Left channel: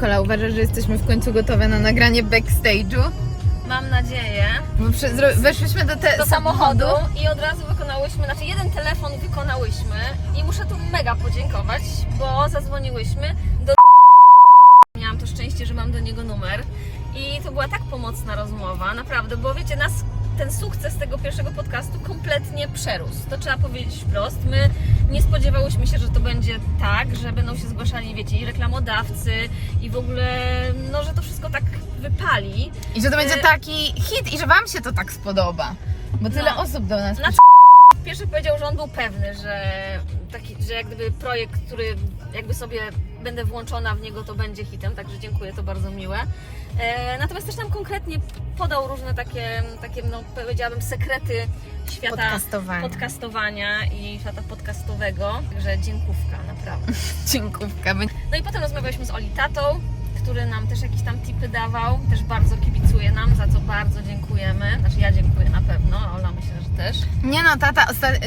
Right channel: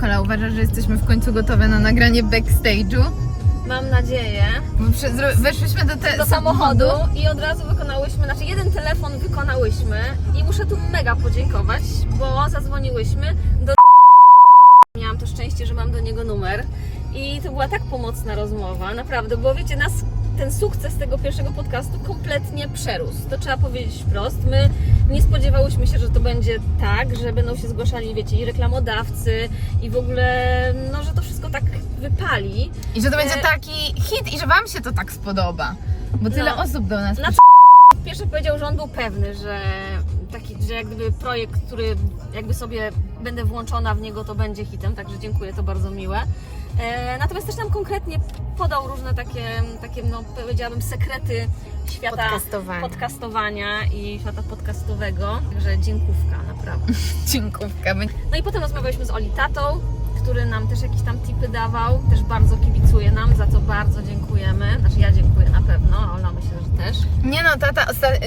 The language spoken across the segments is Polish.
Kola, uważasz, że jesteśmy w końcu gotowe na nagranie backstage'u? Mam nadzieję. Bo weszliśmy do, te, Do samochodu i od razu wykonałyśmy, znaczy jeden telefon wykonałyśmy i muszę tu mega podziękować, bo zadzwoniłyśmy do Miałam to szczęście, że mam do niego numer i to była tak pomocna rozmowa, naprawdę, bo wiecie, nas ten sukces tego pierwszego podcastu kompletnie przerósł. To trzeba powiedzieć wprost. My nie spodziewałyśmy się, że to będzie tak, że będą się zgłaszali, wiecie, i reklamodawcy, i w ogóle, no, że to wszystko tak wypali. I że to będzie E, taki hit i że wam się to tak spodoba. Bo tyle No. osób do nas Na Pierwszy powiedział, że on był pewny, że taki, że jak gdyby projekt, który jakby sobie będę włączona w niego, to będzie hitem, także dziękuję, to bardzo miłe. E, natomiast też nam konkretnie podał różne takie, takie no powiedziałabym, sekrety świata Podcastowania. podcastowania i świata podcastowego. Także dziękówka, naprawdę. Dziękówka. No i potem rozmawialiśmy z Oli Tatą, który nam też jakieś tam tipy dawał, też bardzo kibicuje nam, za co bardzo dziękujemy. Znaczy ja dziękuję na pewno, a Ola myślę, że też. Nie no, tata,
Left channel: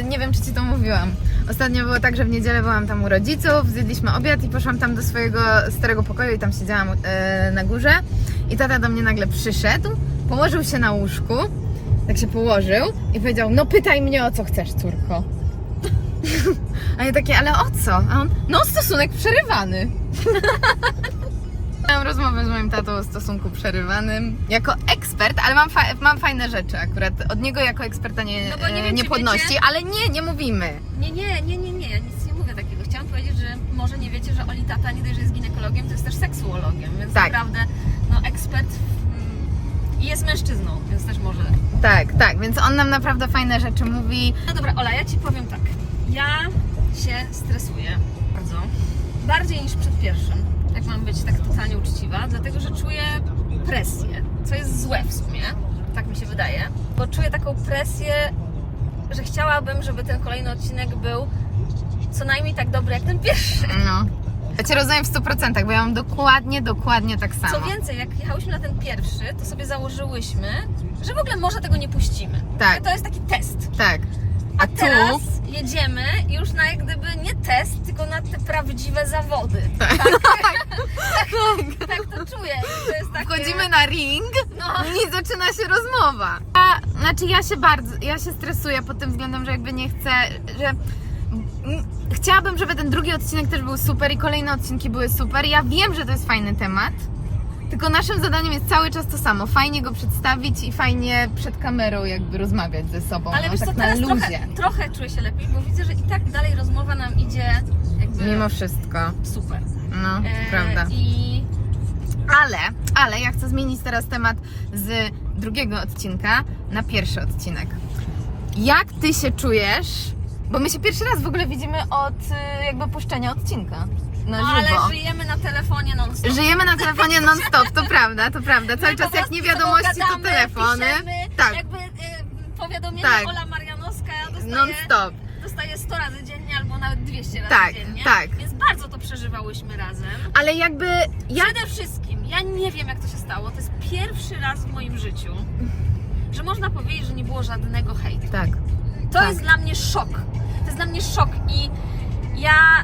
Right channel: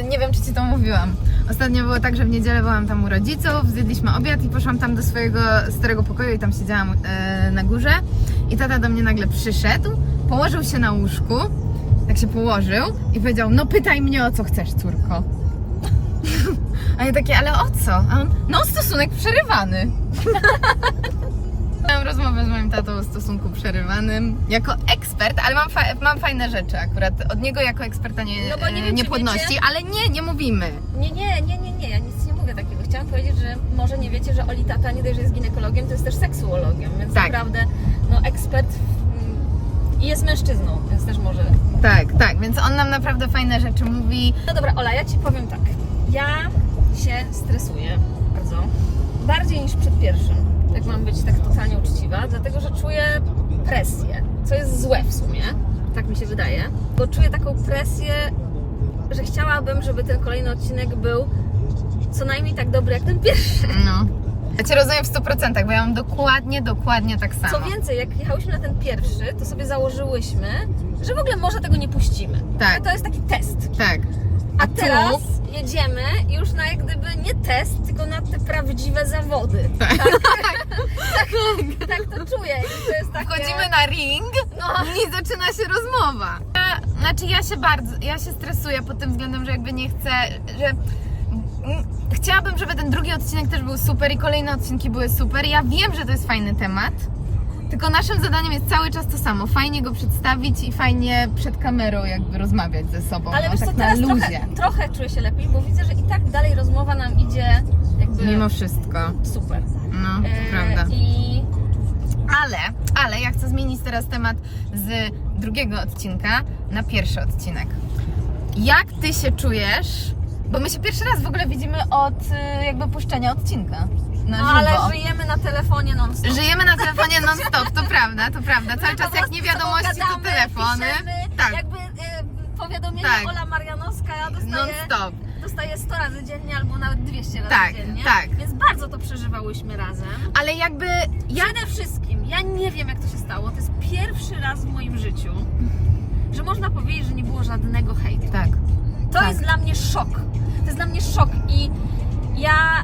nie wiem czy ci to mówiłam. Ostatnio było tak, że w niedzielę byłam tam u rodziców, zjedliśmy obiad i poszłam tam do swojego starego pokoju i tam siedziałam e, na górze. I tata do mnie nagle przyszedł, położył się na łóżku, tak się położył i powiedział, no pytaj mnie o co chcesz, córko. A ja takie, ale o co? A on, no stosunek przerywany. Miałam rozmowę z moim tatą o stosunku przerywanym jako ekspert, ale mam, fa- mam fajne rzeczy akurat. Od niego jako eksperta nie, No bo nie e, wiem, niepłodności, wiecie- ale nie, nie mówimy. Nie, nie, nie, nie, nie, ja nic nie mówię takiego. Chciałam powiedzieć, że może nie wiecie, że Oli Tata nie dość, że jest ginekologiem, to jest też seksuologiem, więc Tak. naprawdę no, ekspert mm, i jest mężczyzną, więc też może. Tak, tak, więc on nam naprawdę fajne rzeczy mówi. No dobra, Ola, ja Ci powiem tak. Ja się stresuję bardzo. Bardziej niż przed pierwszym, jak mam być tak totalnie uczciwa, dlatego że czuję presję, co jest złe w sumie, tak mi się wydaje, bo czuję taką presję, że chciałabym, żeby ten kolejny odcinek był co najmniej tak dobry jak ten pierwszy. No. Ja cię rozumiem w 100%, bo ja mam dokładnie, dokładnie tak samo. Co więcej, jak jechałyśmy na ten pierwszy, to sobie założyłyśmy, że w ogóle może tego nie puścimy. Tak. To jest taki test. Tak. A tu- teraz jedziemy już na jak gdyby nie test, tylko na te prawdziwe zawody. Tak, tak, tak to czuję. I to jest takie... Wchodzimy na ring No. i zaczyna się rozmowa. Ja, znaczy ja się bardzo, ja się stresuję pod tym względem, że jakby nie chcę, że chciałabym, żeby ten drugi odcinek też był super i kolejne odcinki były super. Ja wiem, że to jest fajny temat, tylko naszym zadaniem jest cały czas to samo. Fajnie go przedstawić i fajnie przed kamerą jakby rozmawiać ze sobą. Ale no, wiesz co, tak na teraz luzie. trochę, trochę czuję się lepiej, bo widzę, że i tak dalej rozmowa nam idzie jakby Mimo wszystko. super. No, E, prawda. I Ale, ale ja chcę zmienić teraz temat z drugiego odcinka na pierwszy odcinek. Jak ty się czujesz? Bo my się pierwszy raz w ogóle widzimy od y, jakby puszczenia odcinka. Na no, żywo. ale żyjemy na telefonie non stop. Żyjemy na telefonie non-stop, to prawda, to prawda. Cały czas jak nie wiadomości, to telefony. Piszemy, Tak. Jakby y, powiadomienie Tak. Ola Marianowska dostaje, Non-stop. dostaje 100 razy dziennie albo nawet 200 razy Tak, dziennie. tak. Więc bardzo to przeżywałyśmy razem. Ale jakby ja Przede wszystkim, ja nie wiem jak to się stało, to jest pierwszy raz w moim życiu, że można powiedzieć, że nie było żadnego hejtu. Tak. To Tak. jest dla mnie szok. To jest dla mnie szok i ja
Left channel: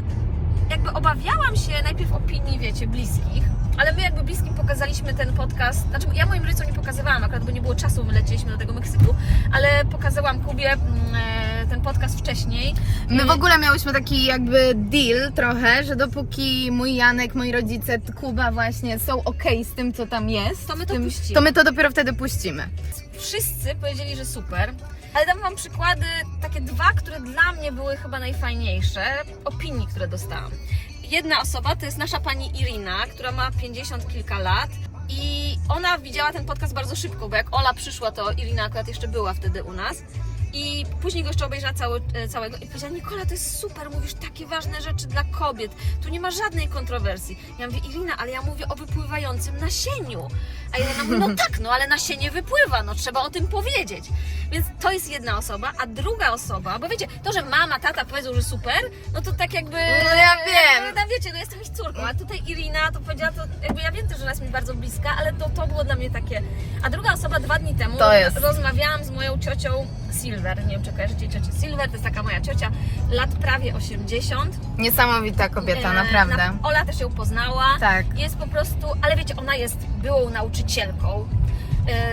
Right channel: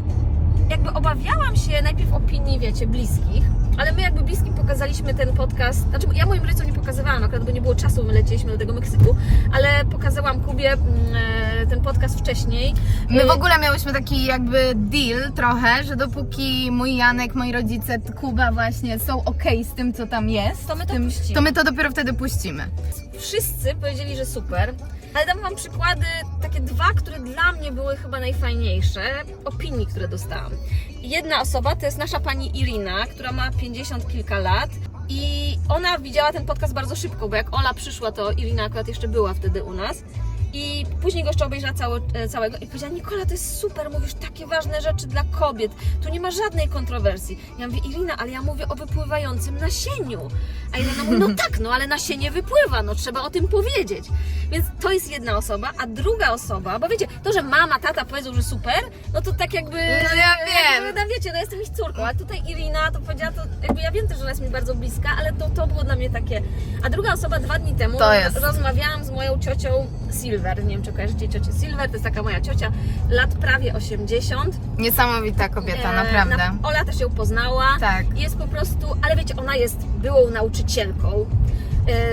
jakby obawiałam się najpierw opinii, wiecie, bliskich, ale my jakby bliskim pokazaliśmy ten podcast, znaczy ja moim rodzicom nie pokazywałam, akurat bo nie było czasu, my lecieliśmy do tego Meksyku, ale pokazałam Kubie mm, e, ten podcast wcześniej. My w E, ogóle miałyśmy taki jakby deal trochę, że dopóki mój Janek, moi rodzice, Kuba właśnie są okej z tym, co tam jest, To my to tym, puścimy. to my to dopiero wtedy puścimy. Wszyscy powiedzieli, że super, ale dam Wam przykłady, takie dwa, które dla mnie były chyba najfajniejsze, opinii, które dostałam. Jedna osoba to jest nasza pani Irina, która ma 50 kilka lat i ona widziała ten podcast bardzo szybko, bo jak Ola przyszła, to Irina akurat jeszcze była wtedy u nas. I później go jeszcze obejrzała cały, e, całego i powiedziała, Nikola, to jest super, mówisz takie ważne rzeczy dla kobiet, tu nie ma żadnej kontrowersji. Ja mówię, Irina, ale ja mówię o wypływającym nasieniu. A Irina mówi, no tak, no ale nasienie wypływa, no trzeba o tym powiedzieć. Więc to jest jedna osoba, a druga osoba, bo wiecie, to, że mama, tata powiedzą, że super, no to tak jakby... No ja wiem. No, wiecie, no jestem ich córką, a tutaj Irina to powiedziała, to jakby ja wiem też, że ona jest mi bardzo bliska, ale to, to było dla mnie takie. A druga osoba dwa dni temu To jest. rozmawiałam z moją ciocią Silver. Nie wiem, czy kojarzycie ciocię Silver, to jest taka moja ciocia, lat prawie 80. Niesamowita kobieta, E, naprawdę. na- Ola też ją poznała. Tak. Jest po prostu, ale wiecie, ona jest byłą nauczycielką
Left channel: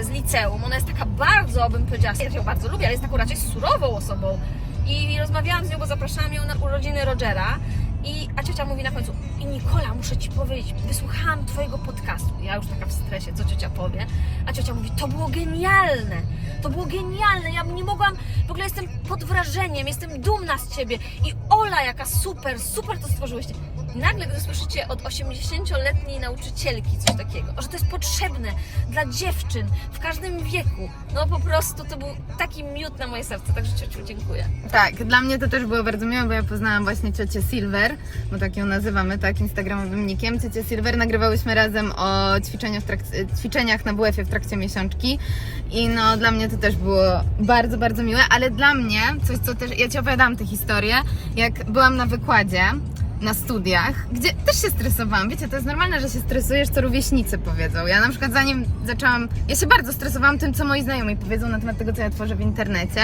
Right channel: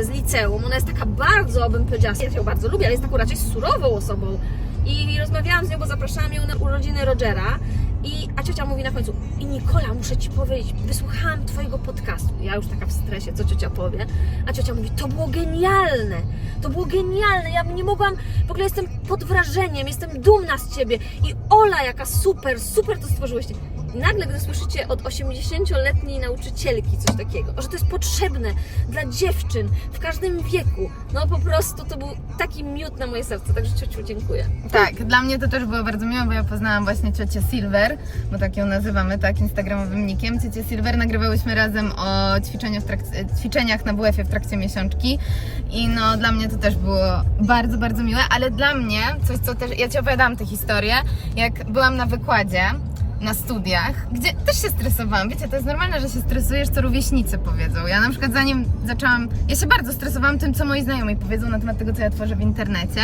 z liceum. Ona jest taka bardzo, bym powiedziała, ja ją bardzo lubię, ale jest taką raczej surową osobą. I rozmawiałam z nią, bo zapraszałam ją na urodziny Rogera. I, a ciocia mówi na końcu, i Nikola, muszę Ci powiedzieć, wysłuchałam Twojego podcastu. Ja już taka w stresie, co ciocia powie. A ciocia mówi, to było genialne, to było genialne, ja nie mogłam, w ogóle jestem pod wrażeniem, jestem dumna z Ciebie. I Ola, jaka super, super to stworzyłyście. Nagle, gdy słyszycie od 80-letniej nauczycielki coś takiego, że to jest potrzebne dla dziewczyn w każdym wieku, no po prostu to był taki miód na moje serce, także ciociu dziękuję. Tak, dla mnie to też było bardzo miłe, bo ja poznałam właśnie ciocię Silver, bo tak ją nazywamy, tak, instagramowym nikiem. Ciocię Silver nagrywałyśmy razem o ćwiczeniach, ćwiczeniach na WF-ie w trakcie miesiączki i no dla mnie to też było bardzo, bardzo miłe, ale dla mnie coś, co też, ja Ci opowiadałam tę historię, jak byłam na wykładzie, na studiach, gdzie też się stresowałam. Wiecie, to jest normalne, że się stresujesz, co rówieśnicy powiedzą. Ja na przykład zanim zaczęłam, ja się bardzo stresowałam tym, co moi znajomi powiedzą na temat tego, co ja tworzę w internecie.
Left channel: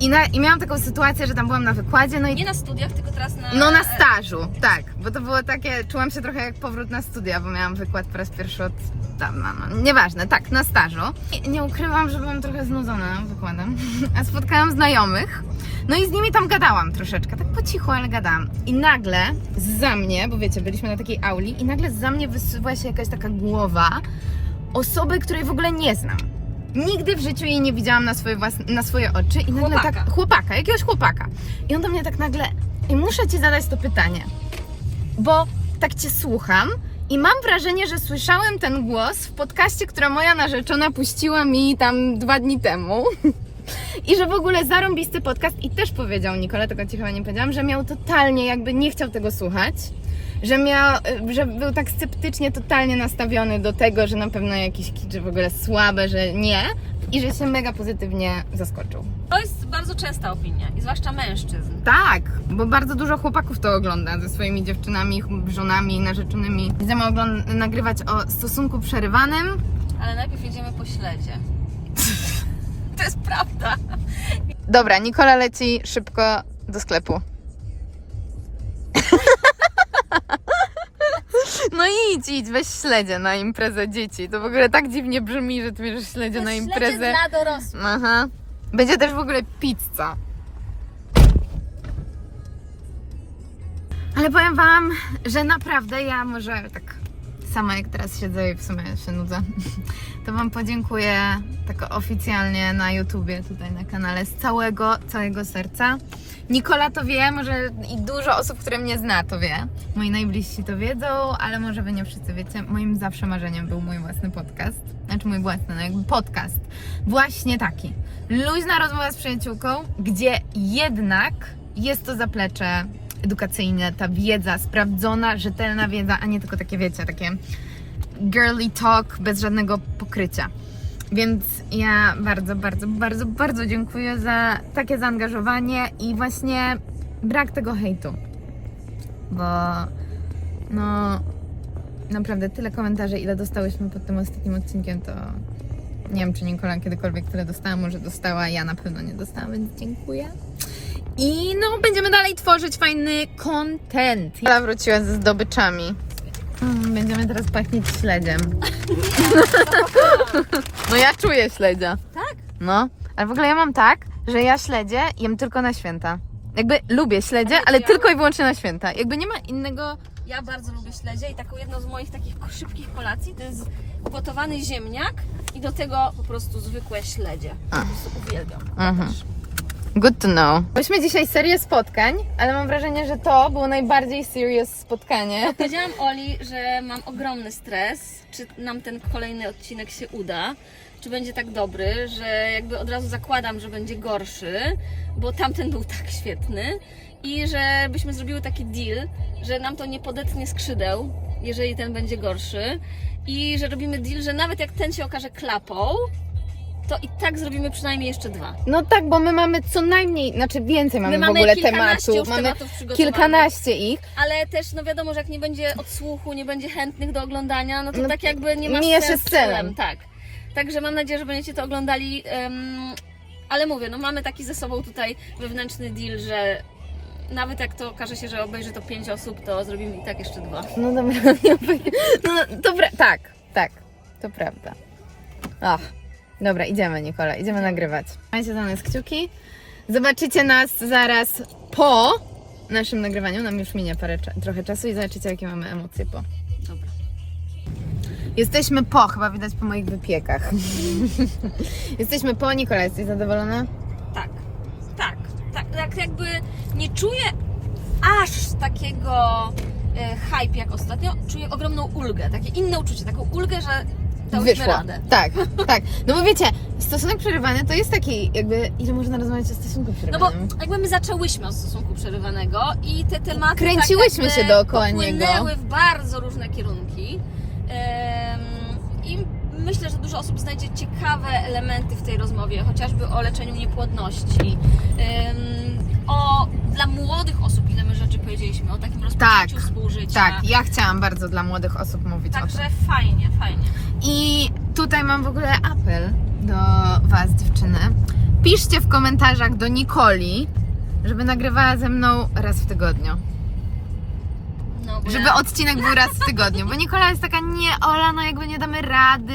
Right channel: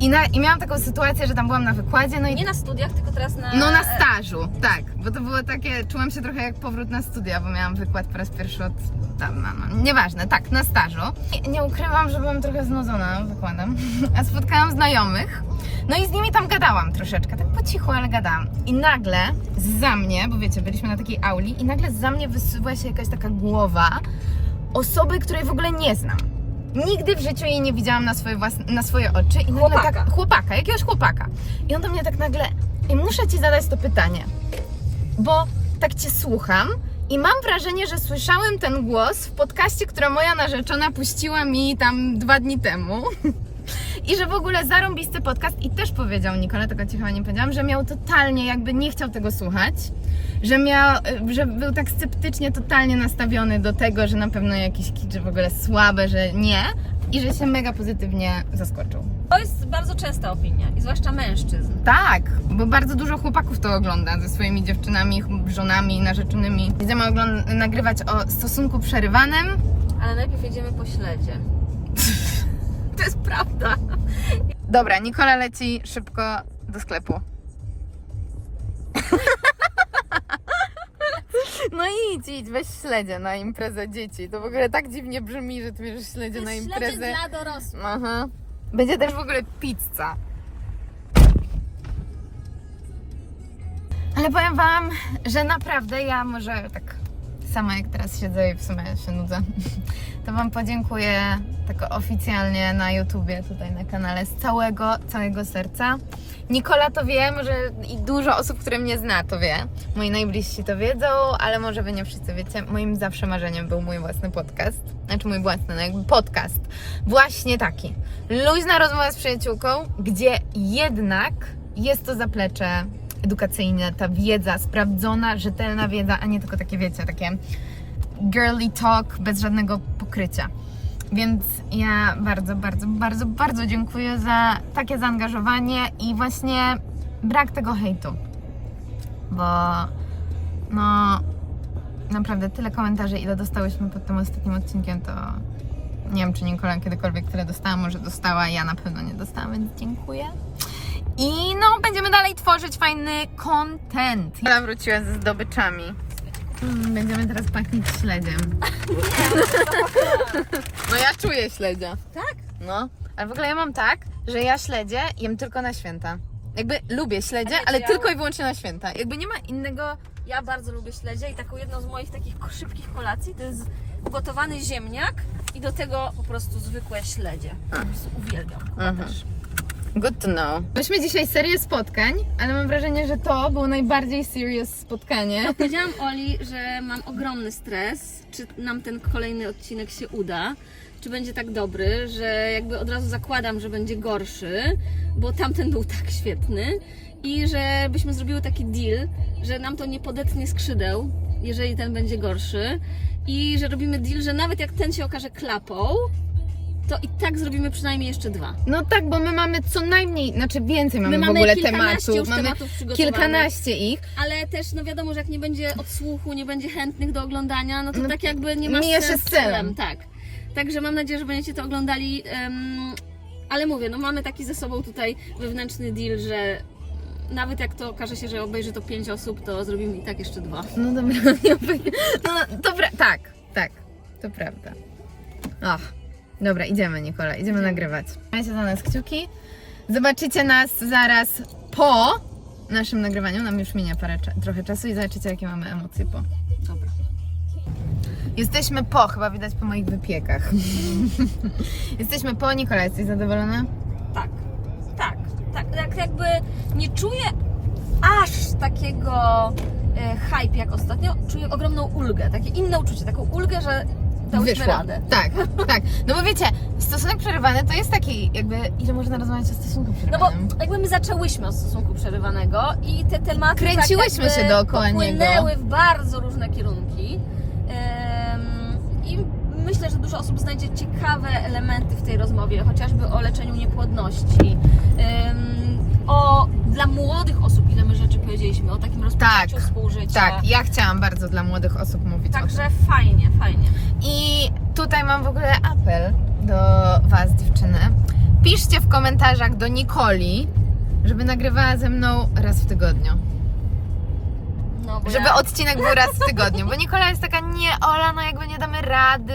I, na, I miałam taką sytuację, że tam byłam na wykładzie, no i Nie na studiach, tylko teraz na... no na stażu, tak, bo to było takie, czułam się trochę jak powrót na studia, bo miałam wykład po raz pierwszy od dawna, no, nieważne, tak, na stażu. I nie ukrywam, że byłam trochę znudzona wykładem, a spotkałam znajomych, no i z nimi tam gadałam troszeczkę, tak po cichu, ale gadałam. I nagle za mnie, bo wiecie, byliśmy na takiej auli i nagle za mnie wysuwa się jakaś taka głowa osoby, której w ogóle nie znam. Nigdy w życiu jej nie widziałam na swoje, własne, na swoje oczy i nagle Chłopaka. tak, chłopaka, jakiegoś chłopaka. I on do mnie tak nagle, i muszę Ci zadać to pytanie, bo tak Cię słucham i mam wrażenie, że słyszałem ten głos w podcaście, która moja narzeczona puściła mi tam dwa dni temu. I że w ogóle zarąbisty podcast i też powiedział Nikola, tego Ci chyba nie powiedziałam, że miał totalnie jakby nie chciał tego słuchać. Że, miał, że był tak sceptycznie, totalnie nastawiony do tego, że na pewno jakiś kicz, że w ogóle słabe, że nie. I że się mega pozytywnie zaskoczył. Bardzo częsta opinia, i zwłaszcza mężczyzn. Tak, bo bardzo dużo chłopaków to ogląda ze swoimi dziewczynami, żonami, narzeczonymi. Idziemy ogląd- nagrywać o stosunku przerywanym. Ale najpierw jedziemy po śledzie. to jest prawda. Dobra, Nikola leci szybko do sklepu. No idź, idź, weź śledzie na imprezę dzieci. To w ogóle tak dziwnie brzmi, że ty bierzesz śledzie na imprezę. dla dorosłych. Aha. Będzie też w ogóle pizza. Ale powiem Wam, że naprawdę ja może tak sama jak teraz siedzę i w sumie się nudzę, to Wam podziękuję tak oficjalnie na YouTubie, tutaj na kanale z całego, całego serca. Nikola to wie, może i dużo osób, które mnie zna to wie. Moi najbliżsi to wiedzą, ale może Wy nie wszyscy wiecie. Moim zawsze marzeniem był mój własny podcast. Znaczy mój własny, no jakby podcast. Właśnie taki. Luźna rozmowa z przyjaciółką, gdzie jednak jest to zaplecze edukacyjne, ta wiedza, sprawdzona, rzetelna wiedza, a nie tylko takie, wiecie, takie girly talk bez żadnego pokrycia. Więc ja bardzo, bardzo, bardzo, bardzo dziękuję za takie zaangażowanie i właśnie brak tego hejtu. Bo no naprawdę tyle komentarzy, ile dostałyśmy pod tym ostatnim odcinkiem, to nie wiem, czy Nikola kiedykolwiek tyle dostała, może dostała, ja na pewno nie dostałam, więc dziękuję. I no, będziemy dalej tworzyć fajny content. Ja wróciła ze zdobyczami. Mm, Będziemy teraz pachnieć śledziem. No ja czuję śledzia. Tak? No, ale w ogóle ja mam tak, że ja śledzie jem tylko na święta. Jakby lubię śledzie, A wiecie, ale ja- tylko i wyłącznie na święta. Jakby nie ma innego... Ja bardzo lubię śledzie i taką jedną z moich takich szybkich kolacji to jest ugotowany ziemniak i do tego po prostu zwykłe śledzie. Po prostu uwielbiam. Kuba Mhm. też. Good to know. Myśmy dzisiaj serię spotkań, ale mam wrażenie, że to było najbardziej serious spotkanie. Powiedziałam Oli, że mam ogromny stres, czy nam ten kolejny odcinek się uda, czy będzie tak dobry, że jakby od razu zakładam, że będzie gorszy, bo tamten był tak świetny i że byśmy zrobiły taki deal, że nam to nie podetnie skrzydeł, jeżeli ten będzie gorszy i że robimy deal, że nawet jak ten się okaże klapą, to i tak zrobimy przynajmniej jeszcze dwa. No tak, bo my mamy co najmniej, znaczy więcej mamy, My w mamy ogóle kilkanaście tematów. już Mamy tematów przygotowanych. kilkanaście ich. Ale też, no wiadomo, że jak nie będzie odsłuchu, nie będzie chętnych do oglądania, no to No, tak jakby nie ma mija się z celem. Tak. Także mam nadzieję, że będziecie to oglądali. em, ale mówię, no mamy taki ze sobą tutaj wewnętrzny deal, że nawet jak to okaże się, że obejrzy to pięć osób, to zrobimy i tak jeszcze dwa. No dobra, nie no to pra- tak, tak, to prawda. Ach, dobra, idziemy Nikola, idziemy nagrywać. Trzymajcie za nas kciuki. Zobaczycie nas zaraz po naszym nagrywaniu, nam już minie parę, trochę czasu i zobaczycie jakie mamy emocje po. Dobra. Jesteśmy po, chyba widać po moich wypiekach. Jesteśmy po, Nikola, jesteś zadowolona? Tak, tak, tak, tak jakby nie czuję aż takiego e, hype jak ostatnio, czuję ogromną ulgę, takie inne uczucie, taką ulgę, że dałyśmy Wyszło. radę. Tak, tak. No bo wiecie, stosunek przerywany to jest taki jakby, ile można rozmawiać o stosunku No bo przerywanym? jakby my zaczęłyśmy od stosunku przerywanego i te tematy Kręciłyśmy tak się dookoła niego. w bardzo różne kierunki. I myślę, że dużo osób znajdzie ciekawe elementy w tej rozmowie, chociażby o leczeniu niepłodności, o dla młodych osób, ile my rzeczy Tak, współżycia. Tak, ja chciałam bardzo dla młodych osób mówić o tym. Także fajnie, fajnie. I tutaj mam w ogóle apel do Was, dziewczyny. Piszcie w komentarzach do Nikoli, żeby nagrywała ze mną raz w tygodniu. No, bo Żeby odcinek był raz w tygodniu, bo Nikola jest taka, nie Ola, no jakby nie damy rady,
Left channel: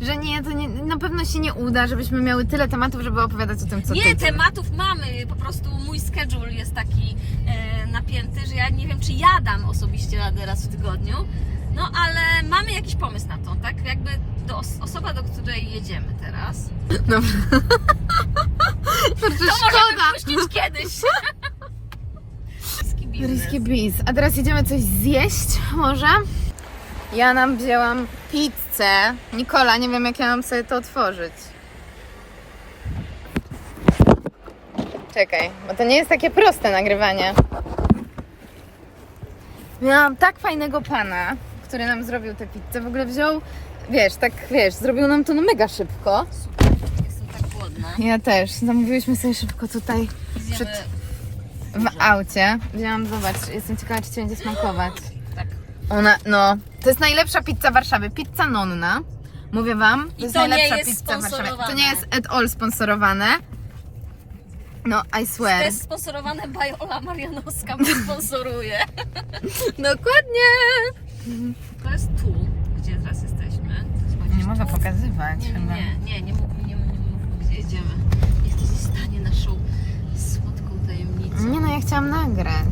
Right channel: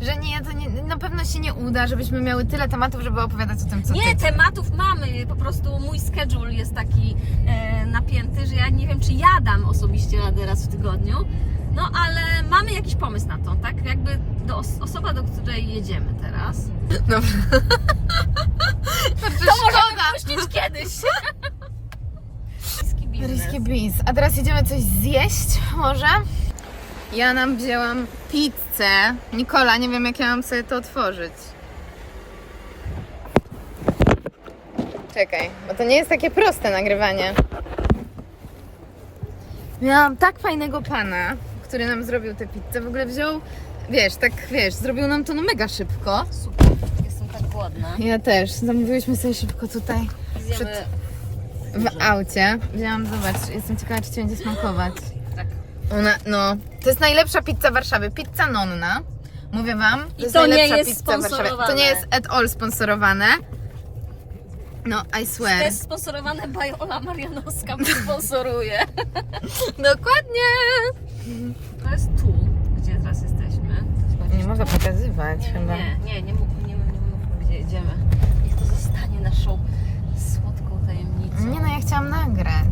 że nie, to nie, na pewno się nie uda, żebyśmy miały tyle tematów, żeby opowiadać o tym, co Nie, tydzień. tematów mamy, po prostu mój schedule jest taki e, napięty, że ja nie wiem, czy ja dam osobiście radę raz w tygodniu, no ale mamy jakiś pomysł na to, tak? Jakby do os- osoba, do której jedziemy teraz. Dobra. Kurczę, szkoda. Myślić kiedyś. Risky Bees. A teraz jedziemy coś zjeść może? Ja nam wzięłam pizzę. Nikola, nie wiem jak ja mam sobie to otworzyć. Czekaj, bo to nie jest takie proste nagrywanie. Miałam tak fajnego pana, który nam zrobił tę pizzę. W ogóle wziął, wiesz, tak wiesz, zrobił nam to no mega szybko. Super, jestem tak głodna. Ja też. Zamówiłyśmy sobie szybko tutaj Zjemy... w aucie. Wzięłam, zobacz, jestem ciekawa, czy Ci będzie smakować. Tak. Ona, no, to jest najlepsza pizza Warszawy. Pizza Nonna. Mówię Wam, to jest to nie najlepsza jest pizza Warszawy. To nie jest at all sponsorowane. No, I To swear. jest sponsorowane by Ola Marianowska, bo sponsoruje. Dokładnie. To jest tu, gdzie teraz jesteśmy. To jest Nie można pokazywać Nie, chyba. nie, nie, nie mów, Nie no, ja chciałam nagrać.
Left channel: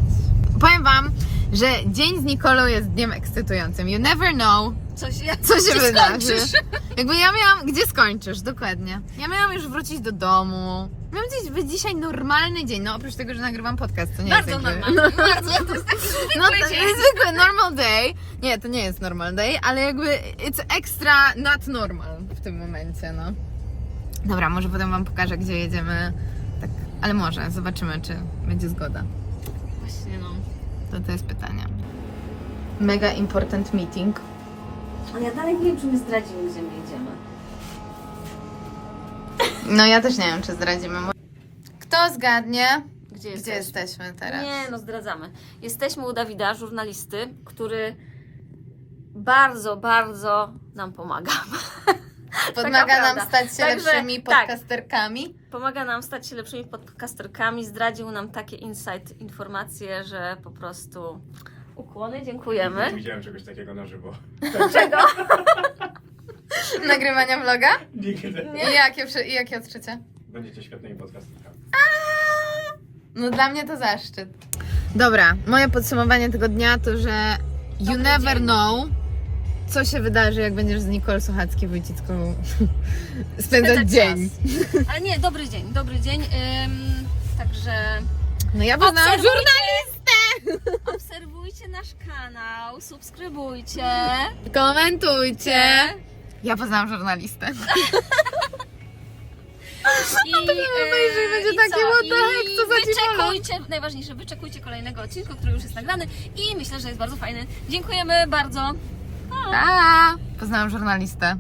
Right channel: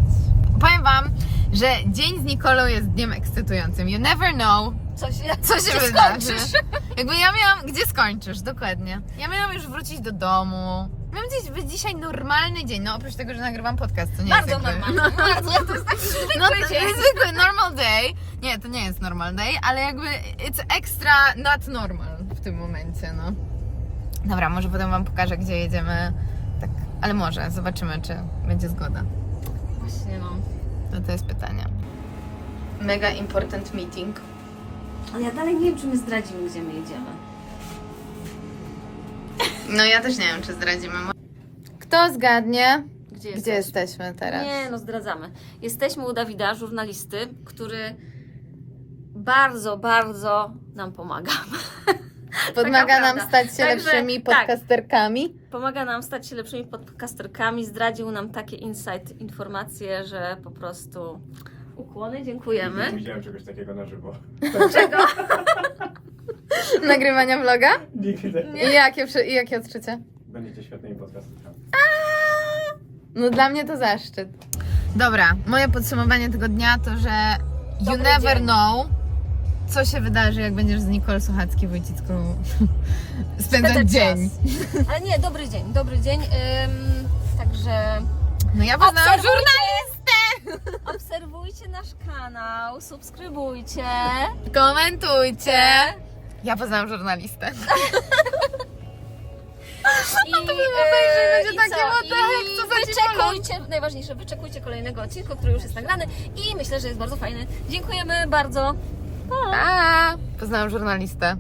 Powiem Wam, że dzień z Nikolą jest dniem ekscytującym. You never know, Co się, co się gdzie wydarzy. skończysz? Jakby ja miałam, gdzie skończysz, dokładnie. Ja miałam już wrócić do domu. Miałam dziś być dzisiaj normalny dzień, no oprócz tego, że nagrywam podcast, to nie Bardzo jest normalnie, bardzo, to jest taki zwykły No to dzień. jest zwykły normal day. Nie, to nie jest normal day, ale jakby it's extra not normal w tym momencie, no. Dobra, może potem wam pokażę, gdzie jedziemy. Ale może, zobaczymy, czy będzie zgoda. Właśnie no. To, to jest pytanie. Mega important meeting. Ale ja dalej nie wiem, czy my zdradzimy, gdzie my jedziemy. No ja też nie wiem, czy zdradzimy. Kto zgadnie? Gdzie, Gdzie jesteśmy? jesteśmy teraz? Nie, no zdradzamy. Jesteśmy u Dawida, żurnalisty, który bardzo, bardzo nam pomaga. Pomaga nam prawda. stać się Także, lepszymi tak. podcasterkami. Pomaga nam stać się lepszymi podcasterkami, zdradził nam takie insight, informacje, że po prostu ukłony, Nie dziękujemy. widziałem czegoś takiego na żywo. Czego? Nagrywania vloga? Nigdy. I jakie, przy- i jakie odczucia? Będziecie świetnymi podcastami. No dla mnie to zaszczyt. Dobra, moje podsumowanie tego dnia to, że you Dobry never dzień. know, co się wydarzy, jak będziesz z Nicole Sochacki-Wojcicką spędzać Spędzać dzień. czas. Ale nie, dobry dzień, dobry dzień. Ym, także No ja poznałam Obserwujcie. żurnalistę! obserwujcie nasz kanał, subskrybujcie. Komentujcie! Ja poznałam żurnalistę. I, to bym obejrzy, będzie takie, what the heck, co za wyczekujcie, najważniejsze, wyczekujcie kolejnego odcinka, który już jest nagrany i myślę, że jest bardzo fajny. Dziękujemy bardzo. Pa! Poznałam żurnalistę.